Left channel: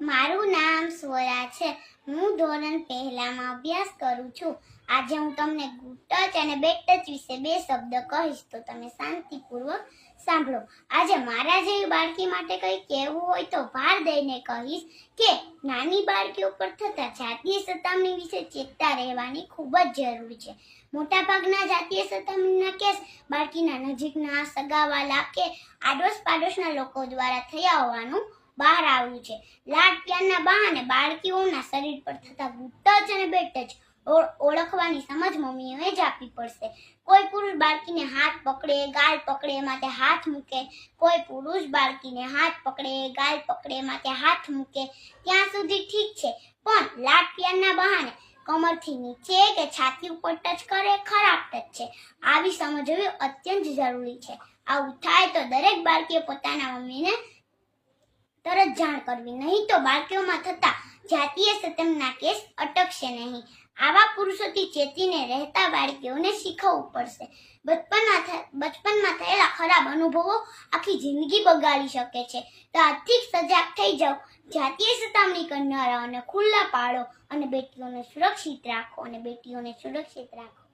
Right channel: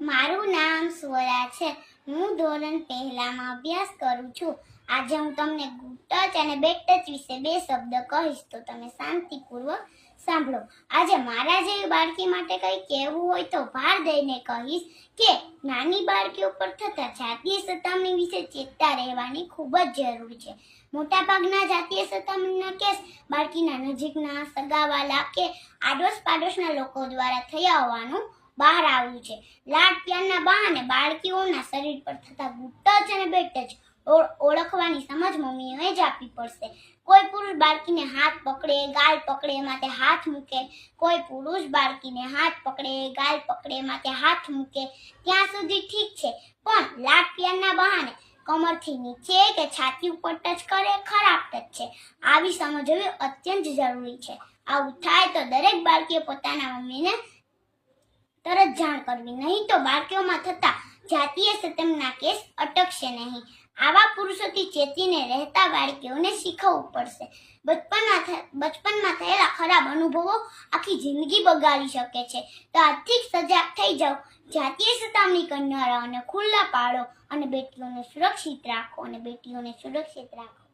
મારું નામ સ્વરા છે. હું ધોરણ પહેલામાં અભ્યાસ કરું છું. આજે હું તમને ગુડ ટચ અને બેડ ટચ વિશે બે શબ્દ કહીશ તો તમે શાંતિપૂર્વક સાંભળો. આજે મારા જેવી બાળકી માટે કંઈ કહેવું હોય તો ભાર દઈને કહીશ કે નાની બાળકીઓ પર થતા જાતીય સતામણી વિશે ચેતતા રહેવાની ખૂબ જ જરૂરી છે. મોટાભાગના જાતીય સતામણીના કેસ બાળકીના નજીકના સગાવાલા કે આડોશ પાડોશના લોકો દ્વારા થયા હોવાનું બહાર આવ્યું છે. લાડ પ્યારના બહાને બાળકીઓના શરીર પર થતા ગુપ્ત જ અને બેટ જ ઓળખવાની સમજ મમ્મીઓએ જ આપવી પડશે. કોઈ પુરુષ બાળકીને હાથ પકડે, ગાલ પકડે માટે હાથ મૂકે. કોઈ પુરુષ બાળકીને હાથ પકડે, ગાલ પકડે માટે હાથ મૂકે. ત્યાં સુધી ઠીક છે. પણ લાડ પ્યારના બહાને કમરથી નીચે કે છાતી ઉપર ટચ કરે ખરાબ ટચ છે. આવી સમજ હોવી અત્યંત જરૂરી છે. આવું થાય તો દરેક બાળકીએ પોતાના મમ્મીને તરત જાણ કરવી. નહીં તો બાળકીઓમાં થતા જાતીય સતમના કેસ અટકશે નહીં. આવા પુરુષોથી ચેતીને રહેતા બાળકીઓને શીખવવું પડશે. બચપનમાં બચપનમાં થયેલા ખરાબ અનુભવો આખી જિંદગી બગાડી શકે છે. તો આજથી સજાગ થઈ જાઓ જાતીય સતામણી કરનારાઓને ખુલ્લા પાડો અને બેટીઓને સુરક્ષિત રાખો અને બેટીઓને સુરક્ષિત રાખો.